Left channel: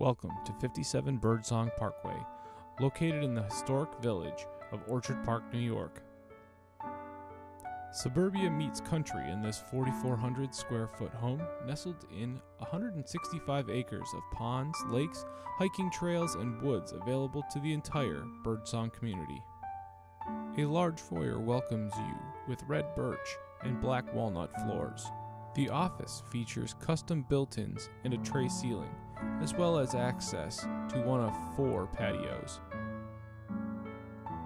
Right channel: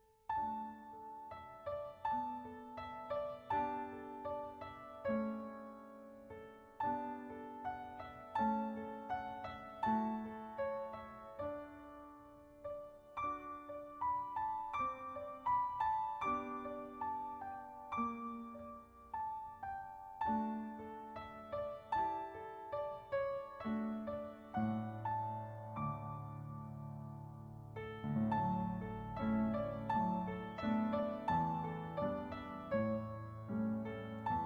Welcome to 57 Birdsong Parkway, located in the historic village of Orchard Park, New York. Suburbia meets country in this 4,400 square foot home nestled in 165 acres of ponds, lakes, hiking trails, and woods available to the entire Birdsong community. A large foyer welcomes you with red birch and black walnut floors. The office features custom built-ins and a tray ceiling, as well as access to one of 4 patios.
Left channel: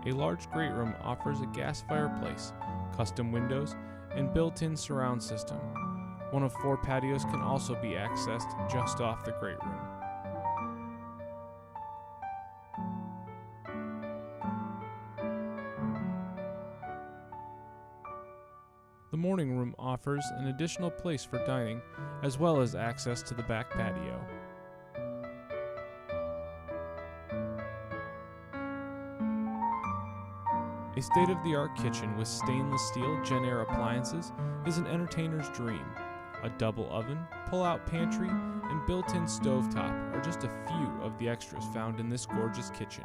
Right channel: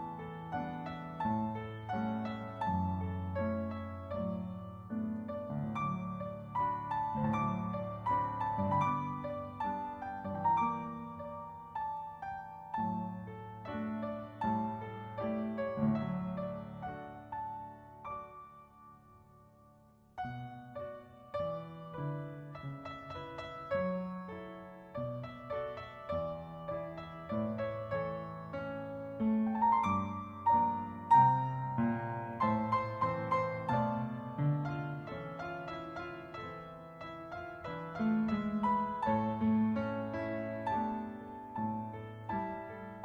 A large great room offers a gas fireplace, custom windows, and built-in surround system. One of 4 patios can also be accessed just off the great room. The morning room offers an additional place for dining, as well as access to the back patio. A state-of-the-art kitchen with stainless steel Gen-Air appliances is an entertainer's dream. A double oven, pull-out pantry, and built-in stovetop are just a few of the extras found in this gorgeous kitchen.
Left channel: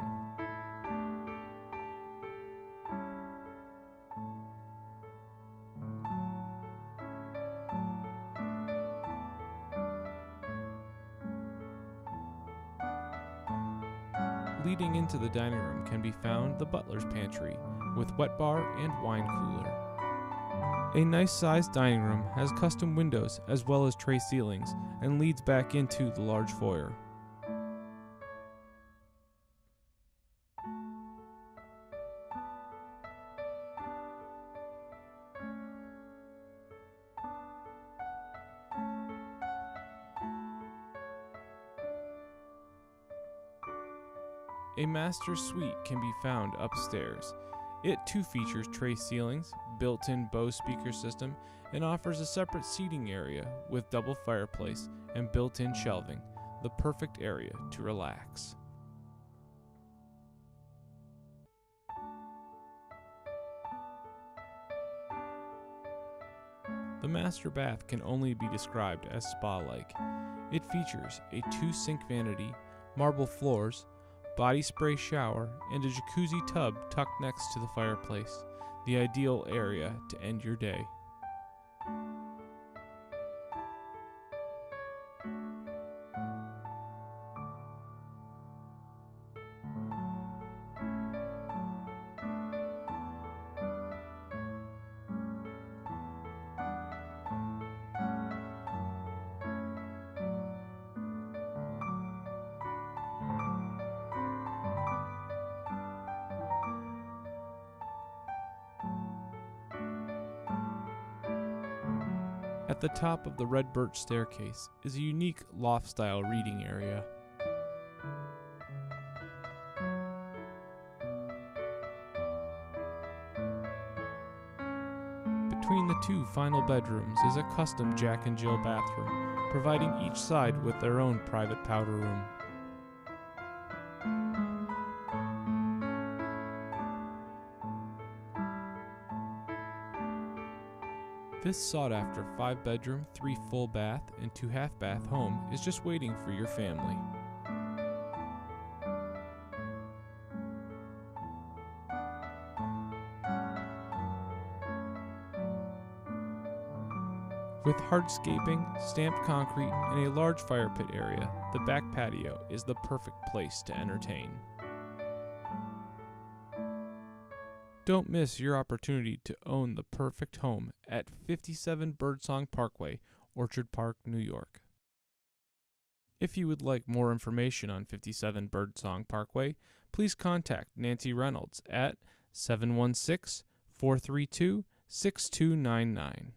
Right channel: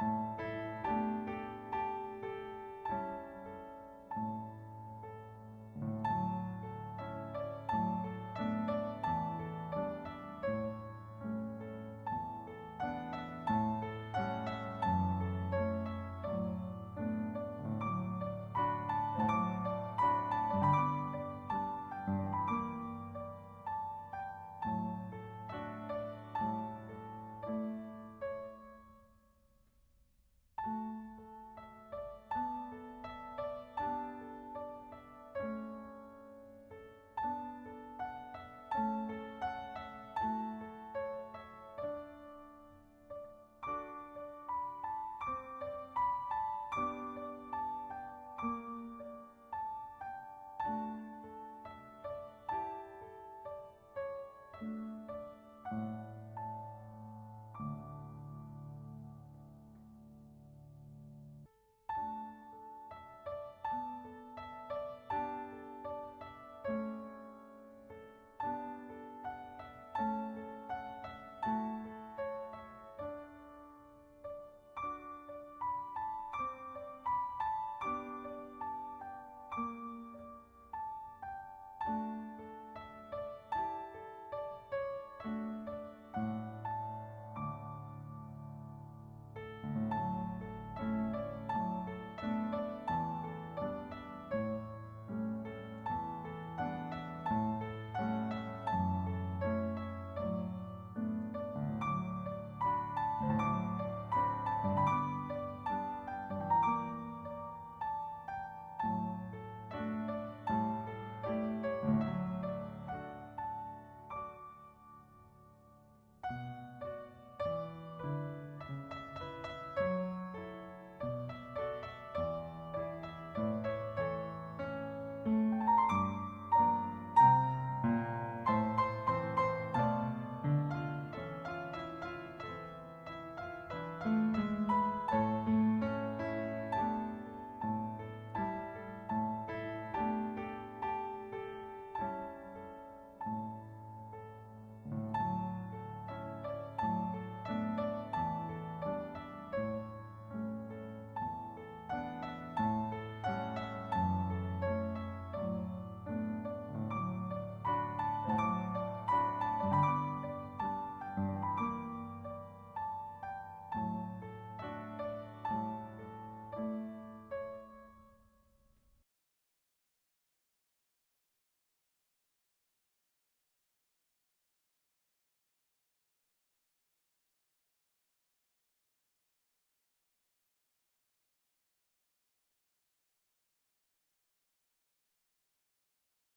Leading into the dining room can be found the butler's pantry, with wet bar and wine cooler. A nice-sized dining room has custom windows as well as tray ceilings and leads back into the large foyer. A master suite can be found upstairs. It too features tray ceilings, built-in Bose speaker system, and offers a separate seating area with double fireplace and built-in shelving, the perfect area to relax. The master bath can only be described as spa-like. It features a 2-sink vanity, marble floors, body spray shower, and a jacuzzi tub tucked next to the fireplace, the ideal area to end your day. At the top of the red birch staircase is a unique loft-style reading area. Between the 2 final bedrooms is a custom Jack and Jill bathroom, providing each side with their own private powder room. This sought-after 5-bedroom, 3 full bath, and 2 half-bath home is just waiting for your family. With hardscaping, stamped concrete, and a large fire pit area, the back patio is the perfect place to entertain. Don't miss your opportunity to own the perfect home at 57 Birdsong Parkway, Orchard Park, New York. If you would like more information on 57 Birdsong Parkway, please contact Nancy Reynolds at 716-432-6299.